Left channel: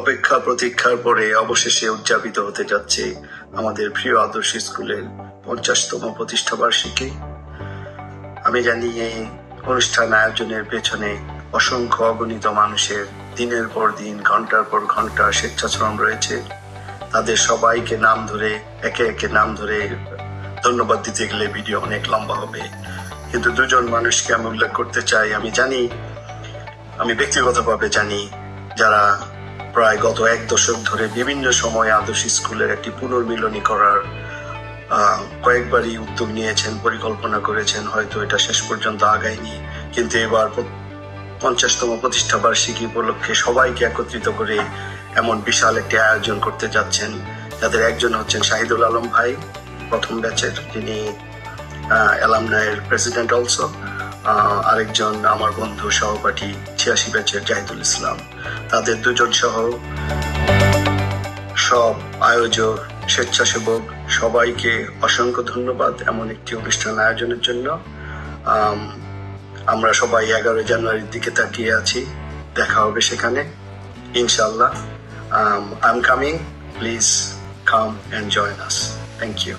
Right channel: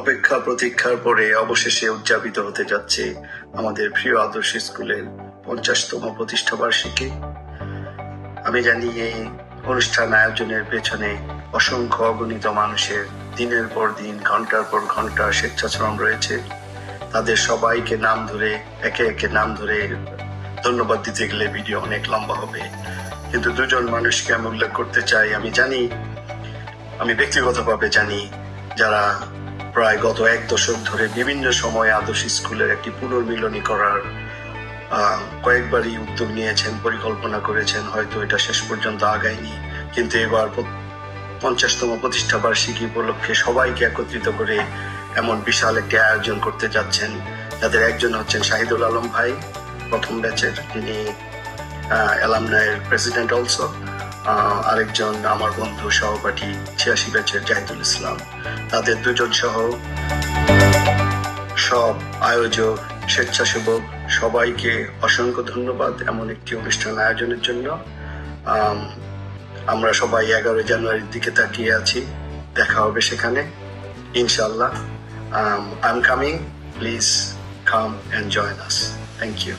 অপেক্ষা প্রতীক্ষার পরে অবশেষে উদযাপিত হতে যাচ্ছে আমাদের প্রিয় আদর্শ স্কুলের 50তম প্রতিষ্ঠা বার্ষিকী। আমি জানি এই অনুষ্ঠান আয়োজনের পেছনে অসংখ্য অগণিত মানুষের দিনের পর দিন, ঘন্টার পর ঘন্টা স্বেচ্ছাশ্রম রয়েছে। তাদের সবাইকে নাম ধরে, একে একে নাম ধরে ধন্যবাদ দিতে গেলে ভিডিও অনেক লম্বা হবে, কিন্তু দুজন মানুষকে আমি উল্লেখ করতে চাই। আমি ব্যক্তিগতভাবে জানি, যারা প্রায় গত 1 দশক ধরে বিভিন্ন সময় আদর্শ স্কুলের একটি পুনর্মিলনী করার কয়েকবারই উদ্যোগ নিয়েছেন, পরিকল্পনা করেছেন, হয়তো এটা শেষ পর্যন্ত আগায়নি, কিন্তু এবার 50তম প্রতিষ্ঠা বার্ষিকী উপলক্ষে সবাইকে একত্রিত করে এমন বিশাল একটি আয়োজন করতে যাচ্ছেন। যাদের একজন হচ্ছেন শাহিদুল আলম ভাই, প্রথম ব্যাচের, তিনি অ্যালামনাইয়ের প্রেসিডেন্ট অলসো। আরেকজন আমার বন্ধু সহপাঠী 86 ব্যাচের জাহিদুল ইসলাম। তাদের দুজন সহ সব আয়োজক, স্বেচ্ছাসেবক সবাইকে অসংখ্য ধন্যবাদ এমন একটি অনুষ্ঠান আয়োজনের জন্য। আমরা সবাই 11 জানুয়ারির দিকে তাকিয়ে আছি, দেখা হবে সেখানে ইনশাআল্লাহ। I'm coming, please come and join us. Thank you.